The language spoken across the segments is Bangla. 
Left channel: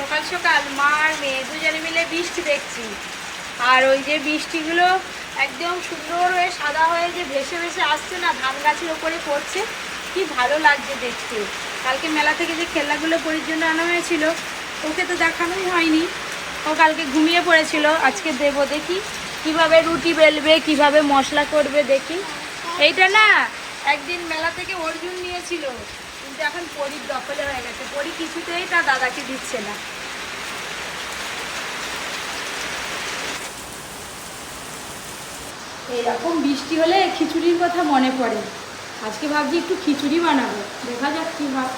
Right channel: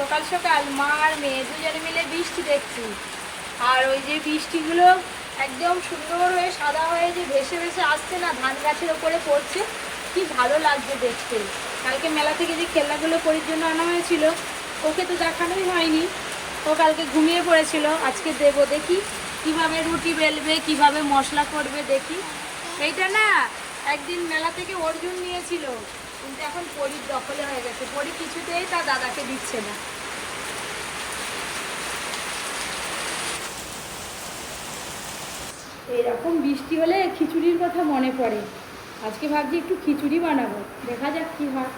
সকাল সকাল মা আর মেয়ে দুজনে মিলে বৃষ্টি দেখছি। আর ওই যে বৃষ্টিগুলো একদম সুন্দর হয়ে সাদা হয়ে যে ভেসে ভেসে আসছে না, ধান গাছের ওপরে পড়ছে, কি ভালো লাগছে দেখতে। কালকে মেলা থেকে যে খেলনাগুলো পরির জন্য আনা হয়েছিল, ওকে তো দেখানোই হয়নি। ও কালকে ঘুমিয়ে পড়েছিল, আজকে দেবো দেখি কীভাবে রুটি বেলবে, কীভাবে মশলা করবে দেখি। এইটা না, একদিন মেলা থেকে অর্জুন নিয়েছিল। কিন্তু এখন পরির দখলে হয়ে গেছে। পরি কিছুতেই তার দাদাকে দিচ্ছে না। এরকম বৃষ্টি হলে খিচুড়ির কথা মনে পড়ে। আজকে ভাবছি একটু খিচুড়ি বানাবো। দেখা যাক কি হয়।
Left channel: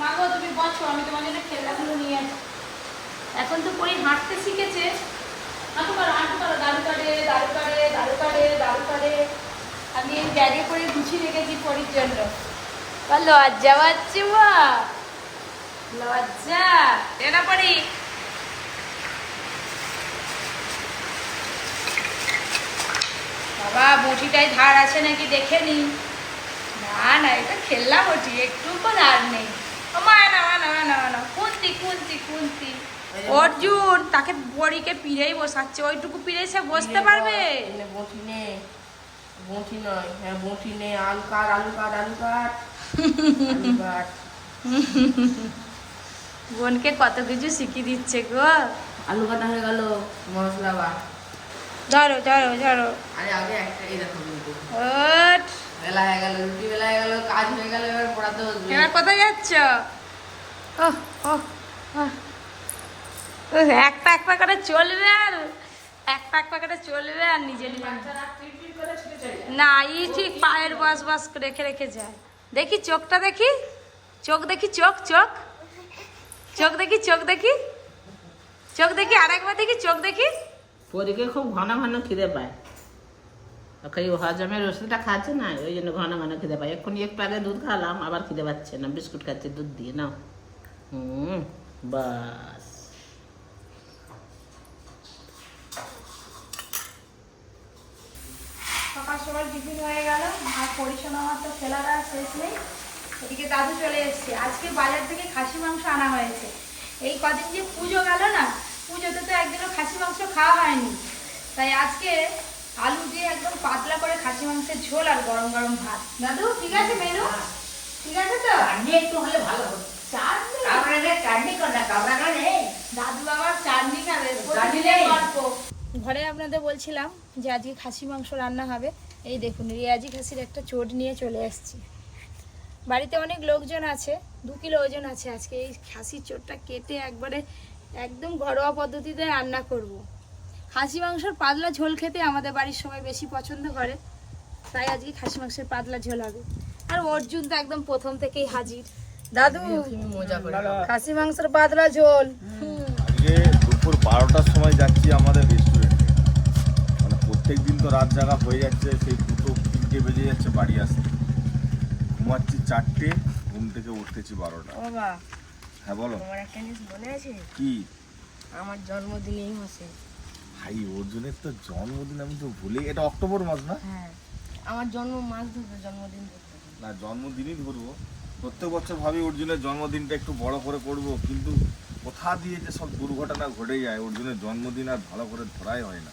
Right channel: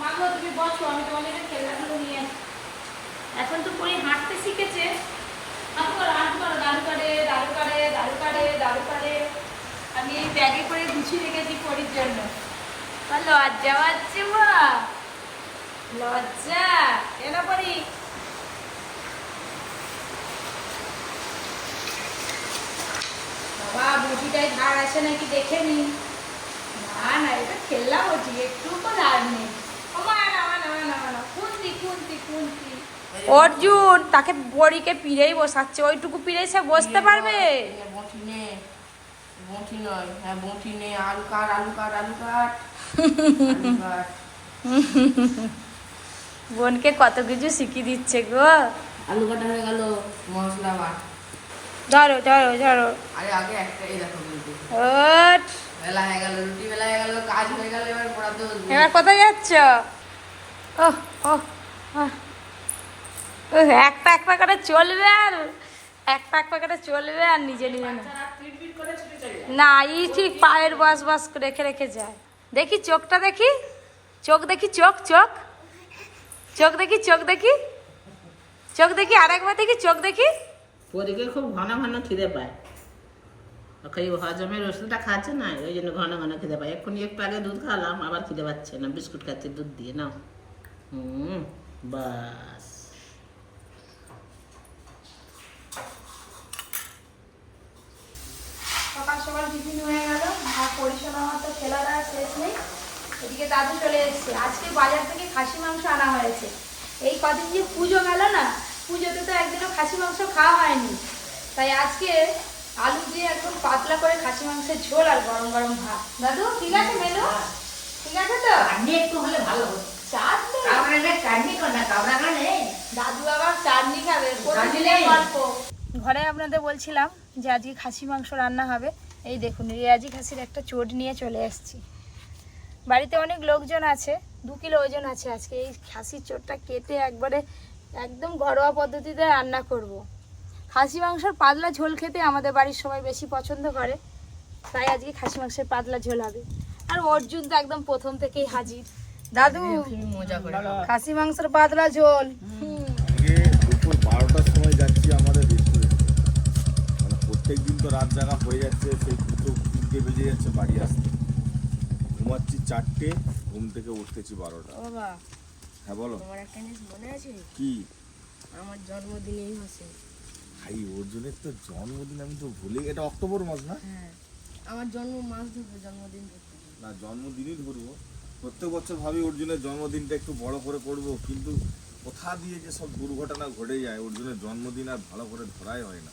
মা গো তুমি বসো আমি তোমার জন্য খেলাগুলো নিয়ে আসি। এখন তো পরে হাঁটতে শিখেছে। আমি ব্যাগে করে গুছিয়ে রেখেছি পরির জন্য। আর লজ্জা পাচ্ছি মা। লজ্জা। এনা পরি বাবা বটিটায় ধার আছে নাকি দেখে নি। না না এটা খেললাম বটি একটু তো ধার নেই। অর্জুন তাকে বড়িকে পিড়েই বসাচ্ছে ওইটুকু পিড়ে সে বসতে পারবে? বটি নে বটি নয় হ্যাঁ বটি নে আলু কাট আলু কাট আলু কাট আলু কাট। বোনকে কত কিছু শিখিয়ে দিচ্ছে গো। আলু কাটা হয়ে গেল মশলা বা ধরো ধরো ধরো। আরে আগে একটা এই দেখো ওট। বেলা হয়ে গেল রুটি বেলা হয়ে গেল কাজ হয়ে গেল এবার পড়াতে বসবে এবার কোথায় যাচ্ছ? ও ও এক পা এক পা করে চলবে আর এক পা এক পা করে চলবে আর নিজে নিজে। না। না ই ঠিক পায়ের বাস বাস রেখে রেখে যায়। দেখি চোখটা দেখি? চোখ দেখি, চোখ চোখ। চোখ দেখি চোখ দেখি। চোখ দেখি, আরেকবার দেখি, চোখ দেখি। পরীকে খুব ঘন ঘন খিদে পায়। ওকে হজমের ওষুধটা খাচ্ছে না, ওই জন্য ঘন ঘন খিদে পায়। এক্ষুনি একটু আগে দুধ খালাম আবার খিদে পাচ্ছে না, বিস্কুট খাচ্ছে, দুধ দিয়ে না হুম, বাস। সকাল সকাল টিফিন হয়ে গেল। আর পরিষেবা আমার তো খেলার আর শেষ নেই। এদিকে দাদু চলে এসছে। আজকে বাজার থেকে খাসি মাংস আনা হয়েছে। এই কদিন যে পুজো গেল না পুজোতে তো একদিনও খাসি মাংস খাওয়া হয়নি। তাই আজকে আলু দিয়ে একদম পাতলা করে খাসি মাংসের ঝোল আর গরম গরম ভাত। দাদু ঠিক আছে মেনু? ঠিক আছে তো? চাটনি একটু হলে ভালো চাটনি? চাটনি কর না কামড়াটা নেই। দাদু আবার চাটনি খাবে। ঘরে আপনাদের বলছিলাম যে আজকে খাসি মাংস রান্না হবে। এই দেখুন রেয়াজি খাসির একটা চোট নিয়ে চলে এসেছি। বাড়িতে অনেক লোকজন আছে দু কিলো ওজন আছে আজকে। এই খাসির চোটটা কেটে একবারে একদম ঘরোয়া পদ্ধতিতে রান্না করব। খাসি মাংসের পাতলা ঝোল খেতে আমাদের বাড়ির সবাই বেশি পছন্দ করে তাই আজকে খাসি মাংসের পাতলা ঝোল হবে। আর অর্জুন তো একদম প্রথম থেকেই হাজির। দাদু খাসি মাংসের পাতলা ঝোল। হুম দুপুর বারোটার সময় যাচ্ছি প্রত্যেক দিন তো রাত জাগা হয়ে যাচ্ছে সেই দুটো তিনটে বেজে যাচ্ছে বাড়ি আসতে। ঘুমাচ্ছি চারটে ঘুম থেকে উঠতেছি বারোটা। হ্যাঁ বলো। আমার একটা জিনিস মনে আছে? কি? আমার জন্মদিন এই মাসে ভাই অর্জুনের তো জন্মদিন আমি তো ভুলে এটা অক্টোবর মাস না? হ্যাঁ। আমার জন্ম মাস ধরে জন্মদিন না জন্মদিনই ধরবো। প্রত্যেক বছর ভাবি অর্জুনের জন্মদিনটা একটু বড় করে করব কিন্তু কোথা দিয়ে যে সব দুর্ঘটনা ঘটে যায় অর্জুনের জন্মদিন আর ভালো করে ধরাই হয় না।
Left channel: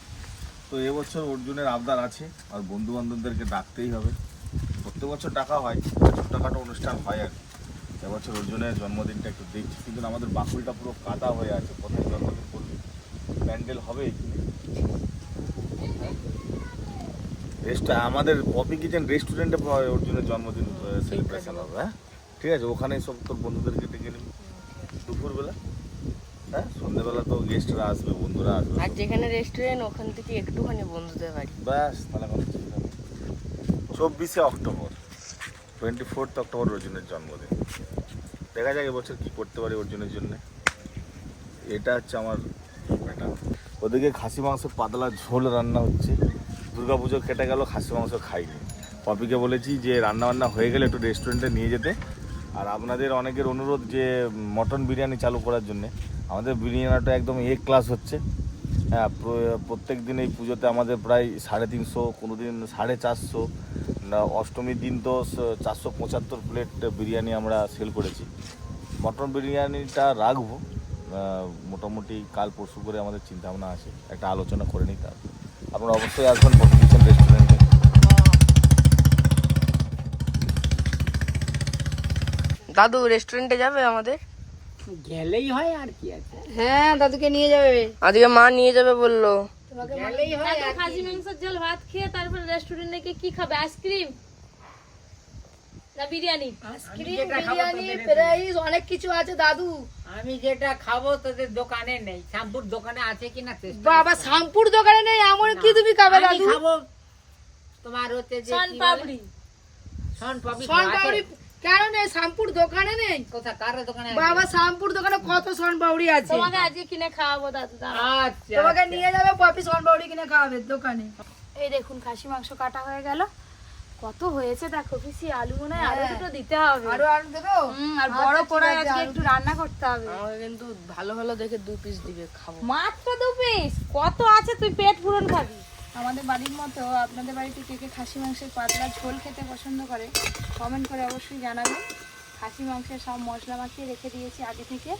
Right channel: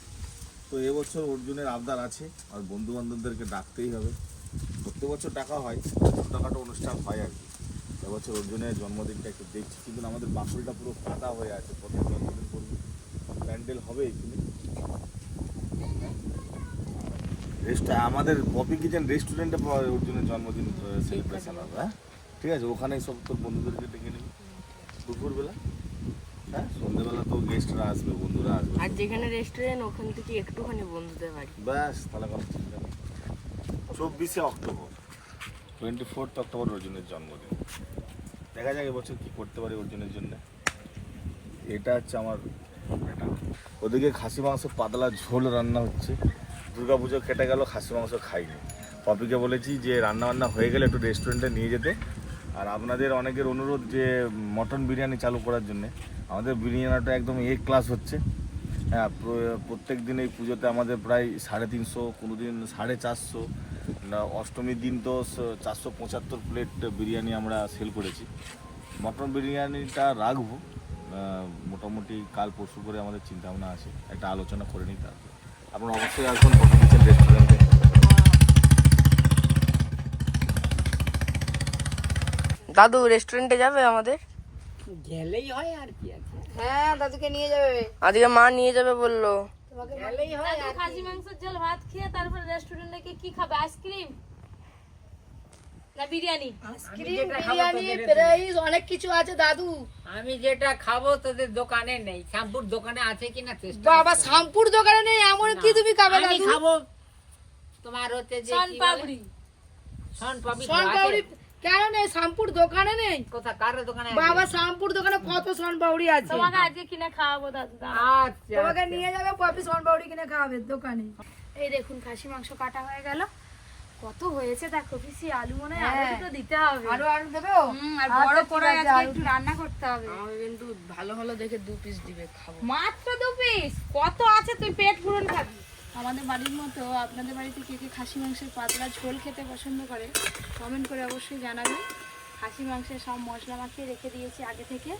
তো এবছর অর্জুনের আবদার আছে আর বন্ধু বান্ধবদেরকে ডাকতেই হবে। প্রত্যেক বছর ডাকা হয় ছোটোখাটো অনুষ্ঠান হয় আর কি। এবছর অর্জুনের জন্মদিনটা একটু দেখছি কিন্তু আমাদের বাকুলটা পুরো কাদা হয়ে আছে প্রত্যেক জন্মদিন করবে প্যান্ডেল হবে এখানে। রেস্ট আমাদের কপি কিচেন রেস্টুরেন্টে অর্জুনের জন্মদিন সেলিব্রেশন হবে হ্যাঁ? ঠিক আছে ওখানে সব তোর বন্ধুদেরকে ডেকে নিবি। দুপুরবেলা। হ্যাঁ সন্ধ্যেবেলা তো গেস্টরা আসবে বন্ধুরা আসবে। আর যেখানে রেস্টুরেন্ট ওখান থেকে একটুখানি বন্ধুদের বাড়ি। ব্যাস তাহলে কোনো চিন্তা নেই চব্বিশে অক্টোবর টোয়েন্টি ফোর্থ অক্টোবর অর্জুনের জন্মদিন। দেখা যাক এবছর কি করতে পারি অর্জুনের জন্য। এটা হচ্ছে আমার ব্যাটা। ওদিকে খাসি মাংস পাতলা ঝোল রান্না হচ্ছে। দুর্গা পুজো কেটে গেল খাসি মাংস খাইনি। পপিকে বলেছি যে রান্না বান্না হয়ে গেলে একটু রেস্টুরেন্টে নিয়ে যেতে। আর আপনাদের অনেকের অনুরোধ যে মটন বিরিয়ানি চালু করার জন্য। আমাদের বিরিয়ানিটা একদম এ ক্লাস হচ্ছে। হ্যাঁ প্রত্যেক দিন এই পুজোতে আমাদের প্রায় সাড়ে তিনশো কোনো দিন সাড়ে চারশো। অষ্টমীর দিন তো চারশো পঁচাত্তর প্লেট বিরিয়ানি আমরা সেল করেছি। মটন বিরিয়ানিটা রাখব। মোটামুটি কাল পরশু করে আমাদের চিন্তা ভাবনা আছে। একটা আলোচনা করে নিই তার। আপনারা অবশ্যই আসবেন রেস্টুরেন্টে দাদু রেস্টুরেন্টে যাবে আমাদের? গেলেই হয় আর কি আছে? হ্যাঁ দাদুকে নিয়ে যাবে। আজকে মা নিয়ে যাবে বলল। হয় খাসি মাংসের ঝোল ভাত খেয়ে তারপর রেস্টুরেন্টে গিয়ে কি খাবে? আইসক্রিম না বিরিয়ানি? আইসক্রিম বিরিয়ানি ফ্রাইস অনেক কিছু আছে দাদু। আমি যেটা খাব তোদের দোকানে নেই। শ্যাম্পুর দোকানে আছে কিনা চেষ্টা বাবা শ্যাম্পুর দোকানে নেই এমন কি তুমি খাবে আমি খাব তোমার হচ্ছে যে সন পাপড়ি সন পাপড়ি সন আছে? পাপড়ি কেন নেই? শ্যাম্পুর দোকানে নেই? কোথা কার দোকানে বাবা শ্যাম্পুর দোকানে কত সন আছে? তোমাকে আজকে কিনে খাওয়াবো দাদু আচ্ছা তোমাকে আচ্ছা। নিয়ে যাবে পপি কিনে খাওয়াবে দোকানে। এই দেখুন খাসি মাংস কাটা হয়ে গেল। কত হয়েছে দেখো পিসি আলু মনে হয় আরও। দুটো দিতে হবে। আরও আলু দেবে আর বড় কড়াই আজকে একটু রান্না করতে হবে। আমাকে কিন্তু ভালো ভালো দেখে দু পিস দিবে খাব। মাত্র দু পিস কত আছে তুই পেট পূরণ খাবি? আমাদের বাড়ির মতো আপনাদের বাড়িতে কে কে খাসি মাংসের পাতলা ঝোল খেতে পছন্দ করে কমেন্ট করে অবশ্যই জানাবেন। খাসি মাংসের সব মশলা মাখিয়ে রেখে দিয়েছি আগে থেকে।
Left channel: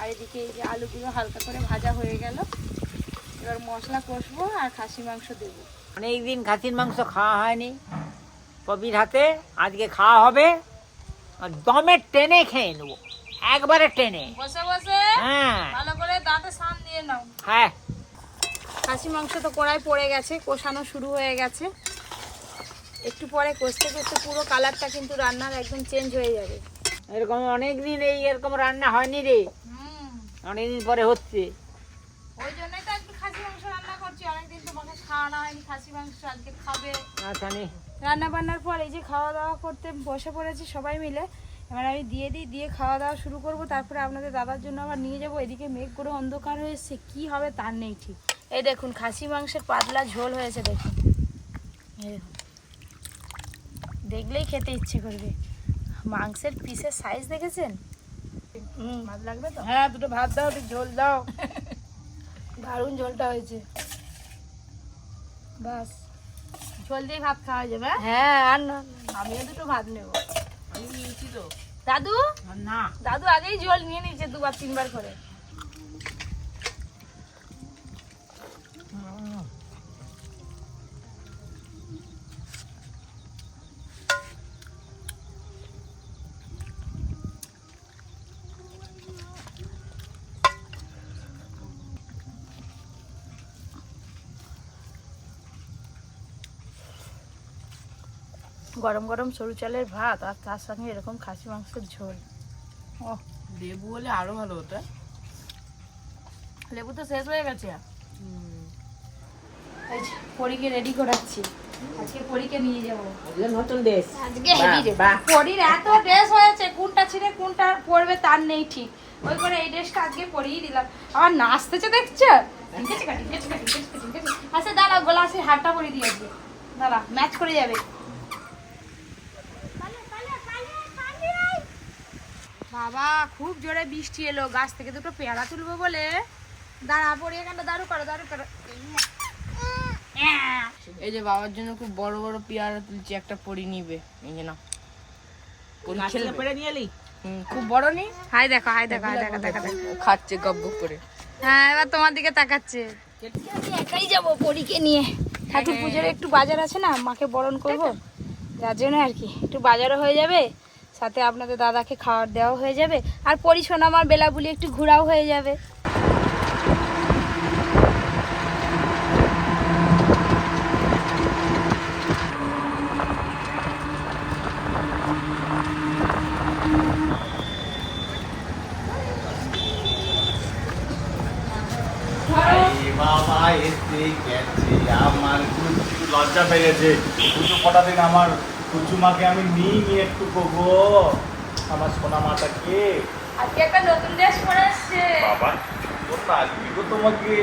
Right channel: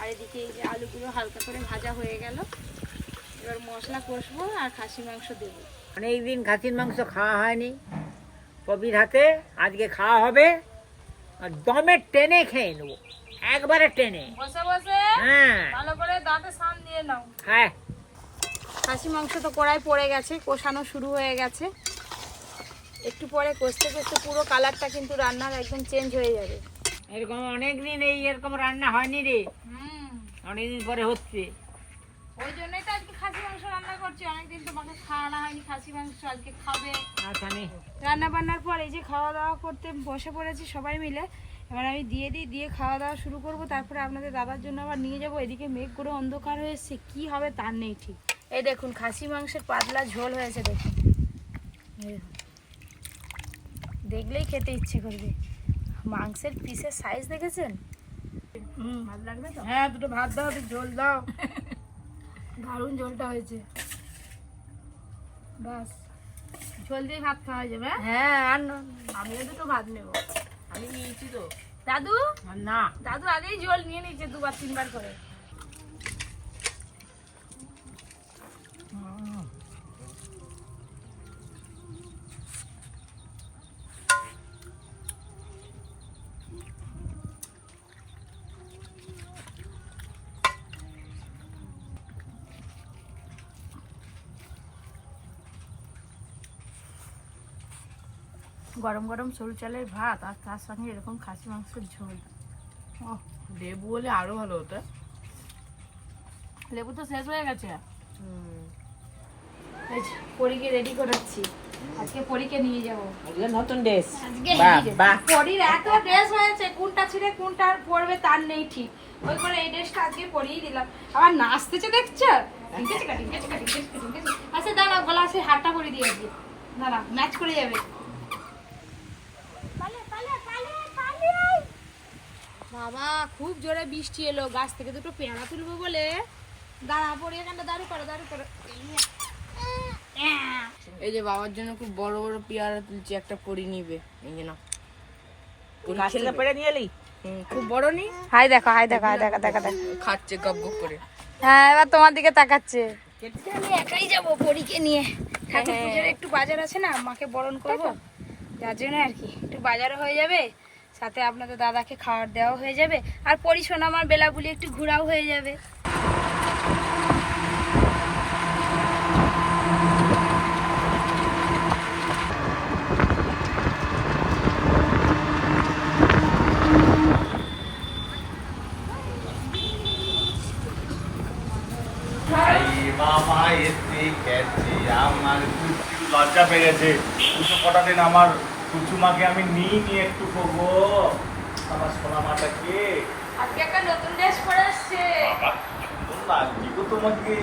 আর এদিকে এই যে আলুগুলো হালকা করে ভাজা হয়ে গেল। এবার মশলা কষবো আর খাসি মাংস দেবো। অনেকদিন খাসির মাংস খাওয়া হয়নি। পপির হাতে আজকে খাওয়া হবে। আর দমে টেনে খেয়ে নেব। একবারে টেনে। বসে বসে। হ্যাঁ। ভালো করে দাঁতে সান দিয়ে নাও। হ্যাঁ। খাসি মাংস তো কড়াই পড়ে গেছে কষানো শুরু হয়ে গেছে। একটু পরে কষতে কষতে পুরো কালারটা কিন্তু রান্নার একদম চেঞ্জ হয়ে যাবে। এরকম অনেকদিন এই এরকম রান্না হয়নি রে। অনেকদিন পরে হচ্ছে। ওই জন্যই তো আজকে খাসি মাংস রান্না করছি। অনেকদিন তোমাকে খাওয়ানো হয়নি খাসি মাংস আজকে খাবে। আচ্ছা রান্না বান্নার পর এই যে খাওয়া দাওয়া করতে বসে পড়েছি সবাই মিলে। এবার আমি দিয়ে দিই দিয়ে খাওয়া দাওয়া শুরু করব। তারপরে আপনাদের দাদার জন্য আবার নিয়ে যাব। এদিকে মেঘ করে অন্ধকার হয়েছে কি হবে তার নেই ঠিক। এই দেখুন খাসি মাংসের পাতলা ঝোল হয়েছে দেখুন। দেখুন। দেখলেই খেতে ইচ্ছে করবে। মাংসের পিসের সাইজ দেখেছেন? ভাত লাগবে তো? হ্যাঁ দুটো ভাত দাও একটু ঝোল দাও। দারুণ ঝোলটা হয়েছে। বাস। ঝোল দিয়ে ভাত খাওয়া যাবে হ্যাঁ? হ্যাঁ আর না আমিও দুটো ভাত নেব। আমি নিয়েছি তো। দাদু? না। দাদু আগেই জল নিয়ে নিয়েছে দুবার তিনবার করে। গরম গরম সরু চালের ভাত আর তার সঙ্গে এরকম খাসি মাংসের ঝোল। লেবু হলে আরও ভালো হতো। লেবু তো শেষ হয়ে গেছে। পরীকে রেডি করাচ্ছি। আজকে পরীকে নিয়ে যাব। নতুন ড্রেস আজকে পরীর এত ড্রেস হয়েছে কোনটা ছিঁড়ে কোনটা পরবে তার নেই ঠিক। ওই করে এই ড্রেসটা আজকে পরিয়ে দিলাম। আবার নাচতেছে দেখছ? আচ্ছা দাঁড়া গলা সে হাতটা পরিয়ে দিয়ে আজকে। দাঁড়া ম্যাচ করে যাবে। বাবা খুব জোরে বৃষ্টি এলো। গাছ থেকে দুটো পেয়ারা তুলবো বলে। দাঁড়া পড়িয়ে কেন দাঁড়ু করো দাঁড়ু করো। এই যে বাবার জন্য খুব বড় বড় পেয়ারা তুলছি একটা পরি নিবে। এই যে না পরি ছেলে পেড়ে নিয়ে এলি? খুব বড় নেই? হাই দেখো হাই দেখো হাই দেখো দেখা দেখো। খাচ্ছে গপ গপ করে। হ্যাঁ এবার তোমার দিকে তাকাচ্ছে। আমি একাই যাব পরীকে নিয়ে। ঠাকুর পুজোর একটু বাজার আছে না মাকে বরণ করব। তার জন্য আর কি একটু বাজারও হয়ে যাবে সাথে আপনাদের দাদাকে খাবার দেওয়াও হয়ে যাবে আর পরিশোনা আমার বেলাবুলি একটু ঘোরাও হয়ে যাবে বাবা এসে গেছি আমার কুচু লজ্জা পেয়ে গেছে পুজো কটা দিন আমার কুচুমাকে আমি নিই নি একটু গো আমার সোনা মাটাকে আজকে একটা নতুন ড্রেস পরে আসছে। বাবা সুন্দর লাগবে গো তোমাকে।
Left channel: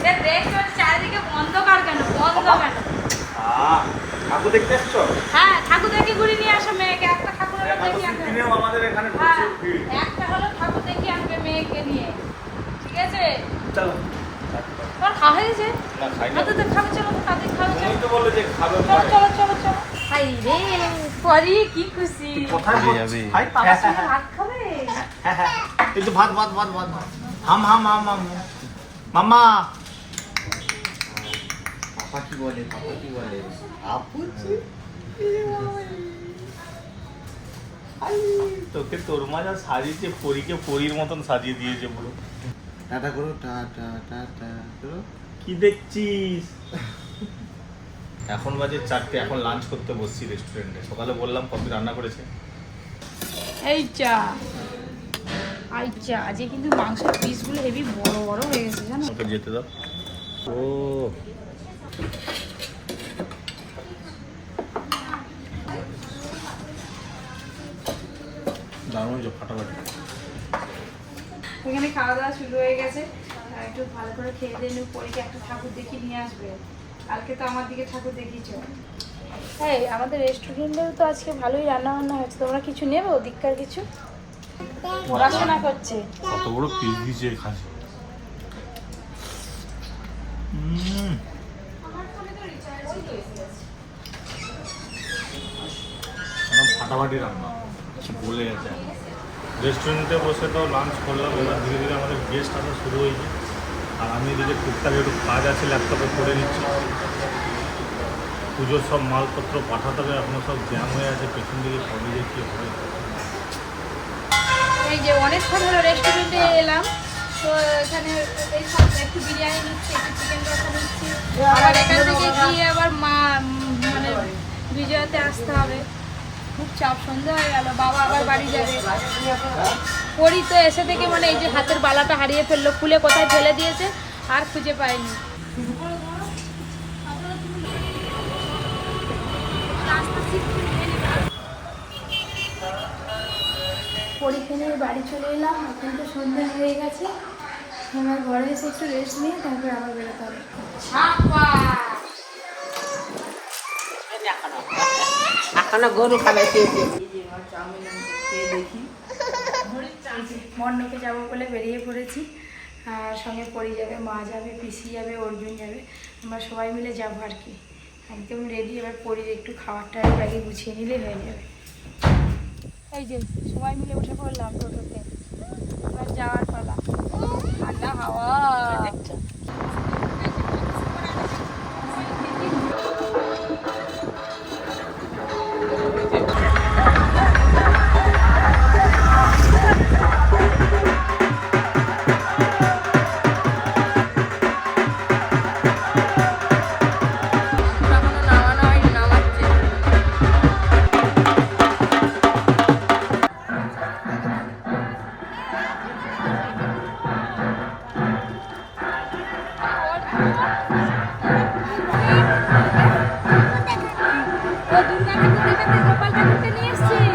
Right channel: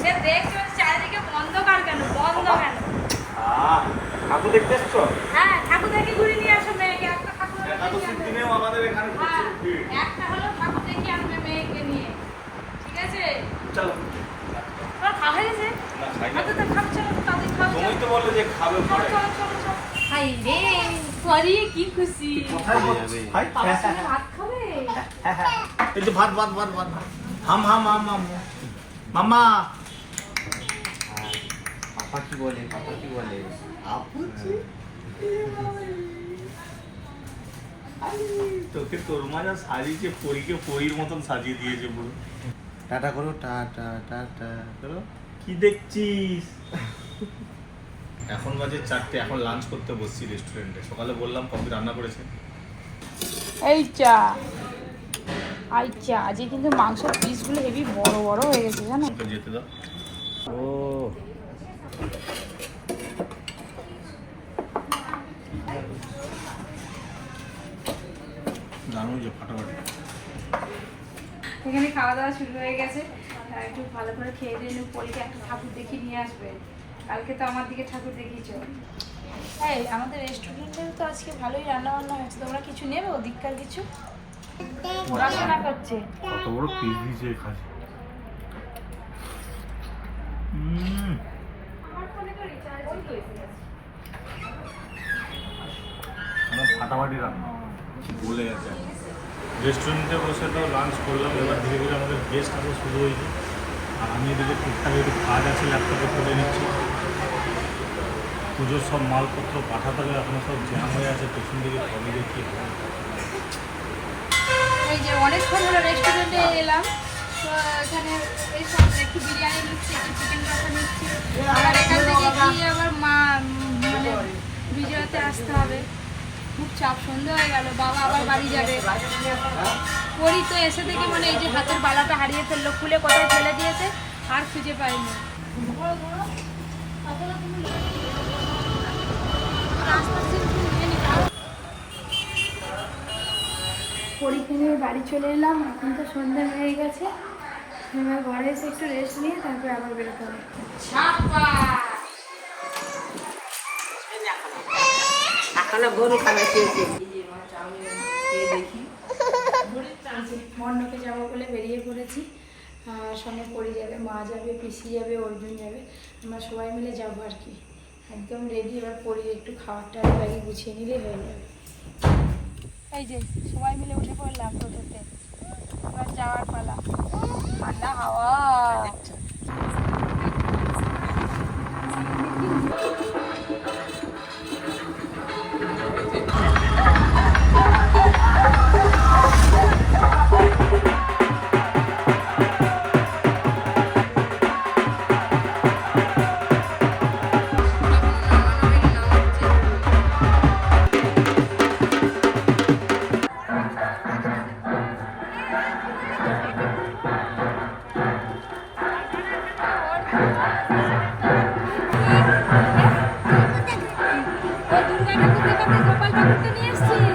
সে দেখছ চারিদিকে অন্ধকার কেন? বন্ধ কেন আহ ঠাকুর দেখতে এসছো? হ্যাঁ ঠাকুর দেখে ঘুরে নিয়ে আসো মেয়েকে। একটা ঠাকুর দেখে দিনেও আমাদের এখানে প্রচুর ভিড়। একটা হলো ঠাকুর দেখে আনবে মেয়েকে নিয়ে। ঠিক আছে? চলো। তোমার খাওয়া হয়ে গেছে না খাই না। ওদের তো চলো তাদের খাওয়া তুমি তো বললে যে খাবে পরে। চলো চলো চলো। হাই রে পরি কি খুশি। কোথায় যাবে বাবার ভাত খাবে? কিন্তু ভাত ভাত ভাত ভাত ভাত। হাম হাম হাম হাম। মামা পাপা কি বলে পাপা কি বলে? আপু তোকে তোর মা যা সাজিয়েছে পরীকে পরীর মতন সাজিয়ে দিয়েছে পুরো টাটা করো টাটা টাটা করো। কি দেখছিস? এখন বাজে চারটে এখন লাঞ্চ করতে বসছি রেস্টুরেন্টে সকালে বললাম কফি রান্না করেছে। এই চা। আই চা আজকে কিন্তু মাংসের পিসগুলো হেভি বড় বড় হয়ে গেছে জানো? যেতে দাও। ও। দারুণ হয়েছে ফাটাফাটি। এখানে খাওয়া দাওয়া শুরু হয়ে গেছে। আর একটু ভালো করে খেয়ে দিয়ে নিউ পরীকে একটা ঠাকুর দেখিয়ে নিয়ে আসবে। কালকে তো আমার দিকে ঠাকুর দেখিয়েছ। এই আমাদের রেস্টুরেন্টের তো আজকে ভালোই রান্না বান্না হচ্ছে তোমরা কিছু নেব? দীক্ষার কিছু? পড়াশোনা করছে। কত বড় পিস একদম ফাটাফাটি রান্না। বলে গেছে। রেস্টুরেন্টে বসে তো লাঞ্চ করলাম এবার ধীরে ধীরে আমাদের গেস্ট আসা শুরু হয়েছে। আর আমি এদিকে টুকটাক একটু কাজ আছে ল্যাপটপে করে নিচ্ছি। পুজোর সব মালপত্র পাঠাতে হবে এখনও সব জ্যাম হয়ে আছে পেছন দিকে কবে যে কী হবে এই যে অনেকক্ষণ হলো রেস্টুরেন্টে এলাম তো এখানে এই সব একটু বিরিয়ানি নিচ্ছি একটু চিকেন কষা নিচ্ছি। আবার এখান থেকে গিয়ে আবার মা মানে বিজয়াতে আসতে হবে। খুব চাপ সন্ধে হয়ে গেল, বাবা আবার বাড়ি যাবে। পরি তো এসে থেকে মানে এই যে হাতের বালাটা হারিয়ে ফেলল খুলে কোথায় ফেলে দিয়েছে, আর খুঁজে পরীক্ষা নিয়ে বাড়ি চলে এলাম, এখন তো সন্ধ্যা হয়ে গেছে। এবার ঘরে এসে একটু রেস্ট নিয়ে তারপরে আবার বেরোতে হবে। এখনও গরু খাবার খেয়েছে মণ্ডপে যাব বলে বেরিয়ে পড়েছি। আর সঙ্গে পড়ে যাবে, মা যাবে, পিসি যাবে, অর্জুন যাবে, আমরা সবাই মিলে যাব আর কি। একদম রেডি এবার পরির একটু খাবারটা আগে গুছিয়ে নিলে হয়ে যাবে। এই যে, সবাই মিলে উঠে পড়লাম টোটোতে। এবার যাওয়ার পালা। ঠান্ডা হাওয়া। ও দুর্গা ঠাকুর গোপাল ঠাকুরকে নিয়ে এসছি।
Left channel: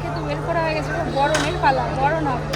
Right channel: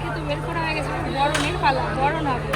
মাকে তো বের করা হয়ে গেছে বড় বরণের পালা বরণ হবে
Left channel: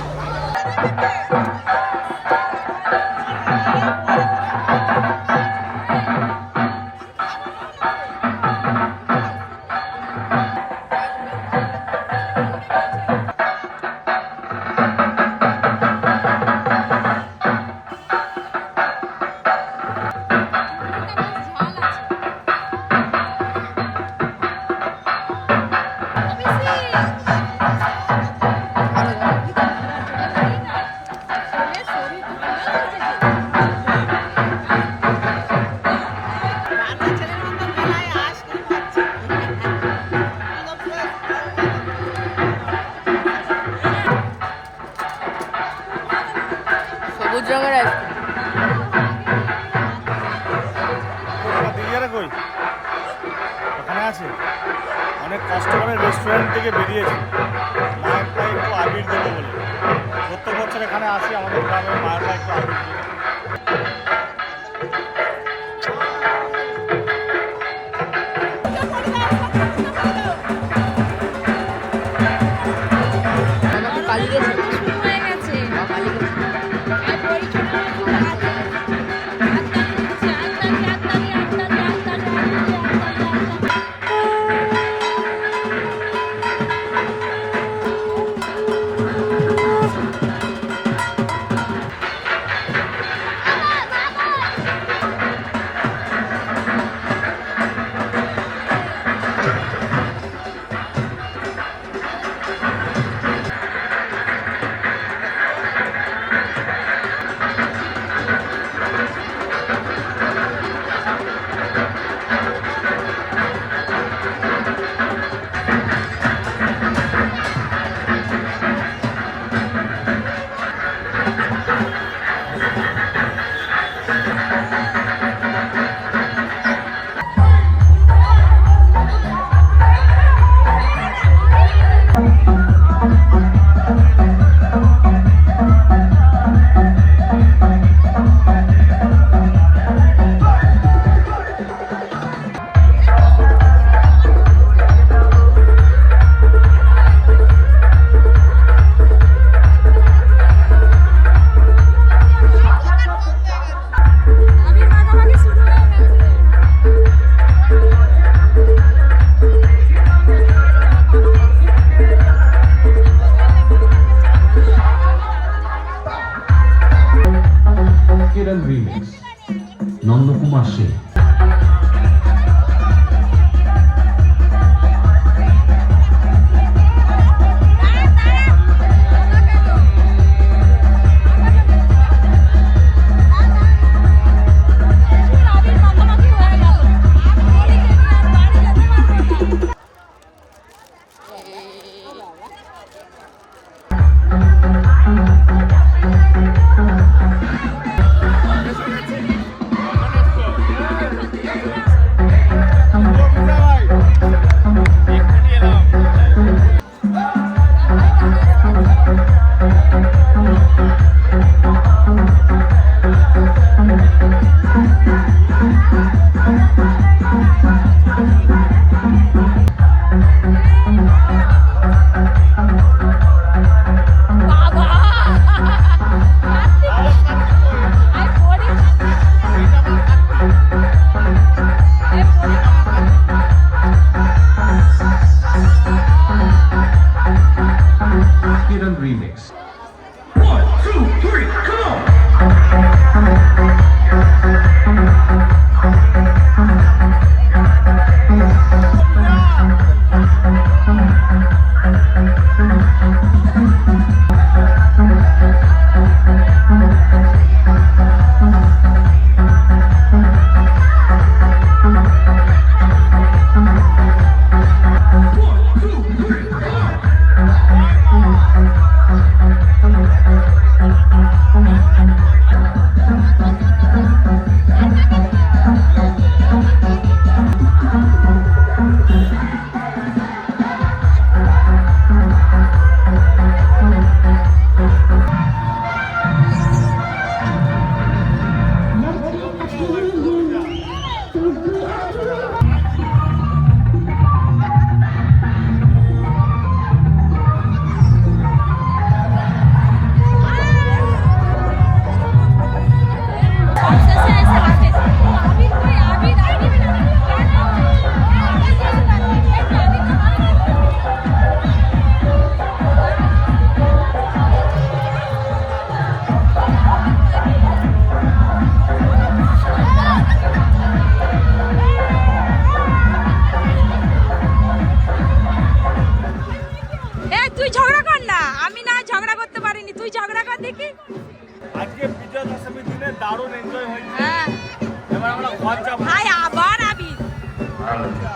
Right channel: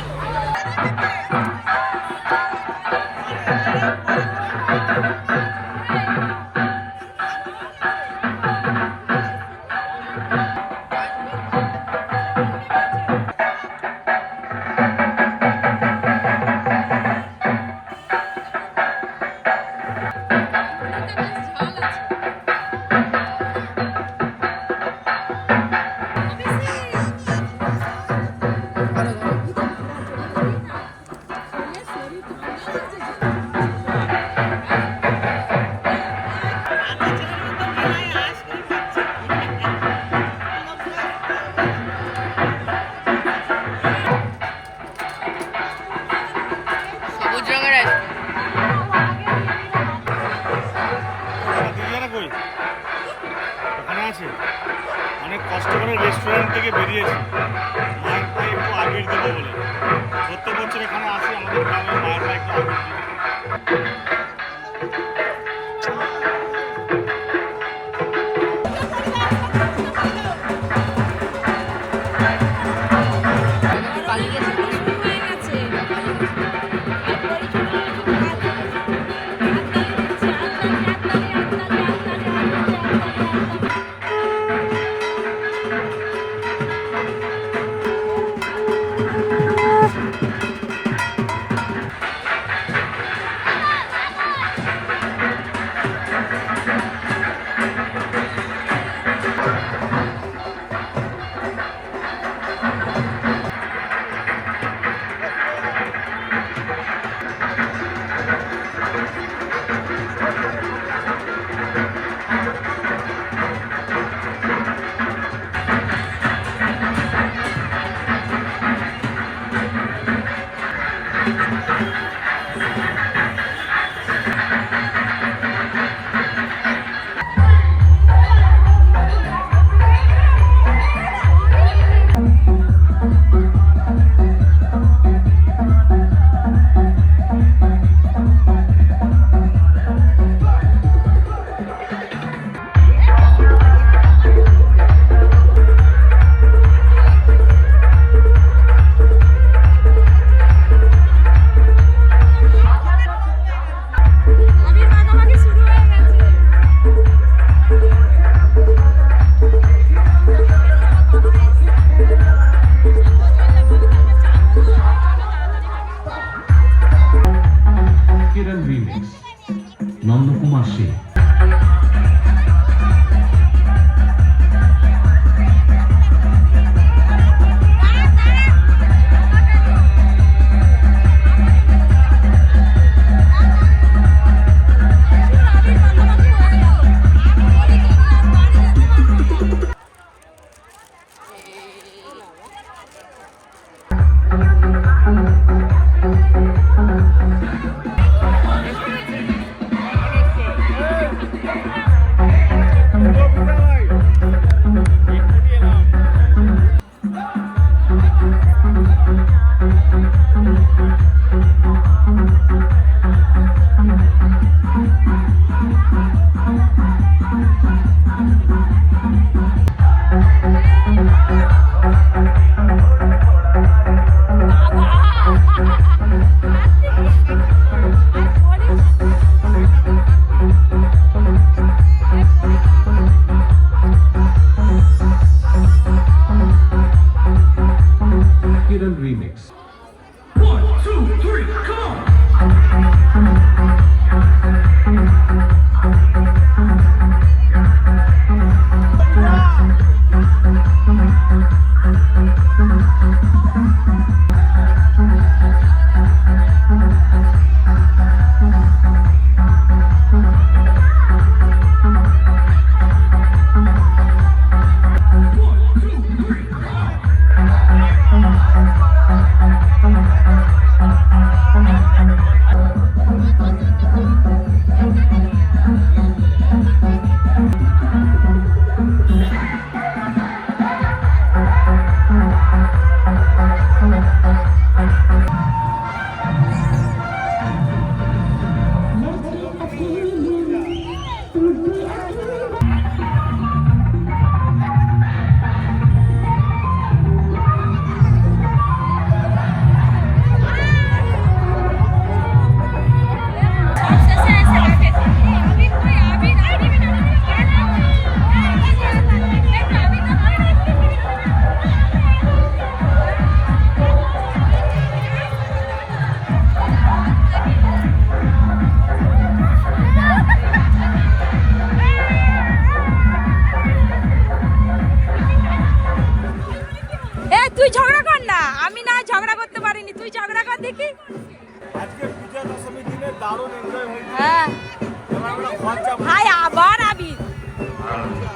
হাই আবার আবির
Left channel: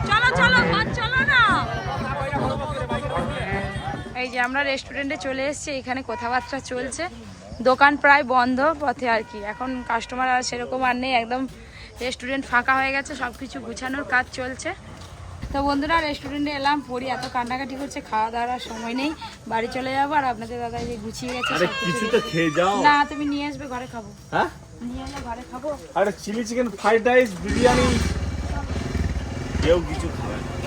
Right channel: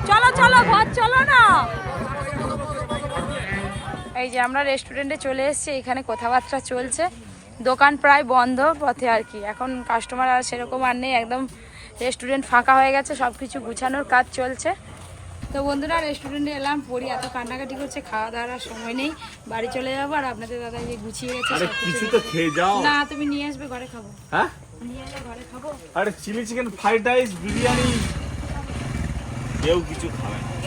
চলো চলো ঘর চলো না। এই যে আমরা রেস্টুরেন্টে চলে এসেছি এখানে কথাবার্তা চলছে। দোকান প্রায় বন্ধ পথে আর কি। এখন কাস্টমার আর সেরকম আর নেই একদম রেস্টুরেন্ট ফাঁকা হয়ে গেছে সব কিছু গুছানোর কাজ চলছে। তো বন্ধুরা রেস্টুরেন্টে এলাম পড়ি এত কান্নাকাটি করছে খাওয়া দাওয়ার সময় নেই। বাড়ি চলে যাব আর আপনাদের দাদা এই গুছিয়ে গেছে কিছু তো খেয়ে যাও। না তুমি নিয়ে আসবে ঘরে খাব। হ্যাঁ? ঘরে খাব আরে chilli chicken fried rice biryani. কেউ কিছু খাবে না।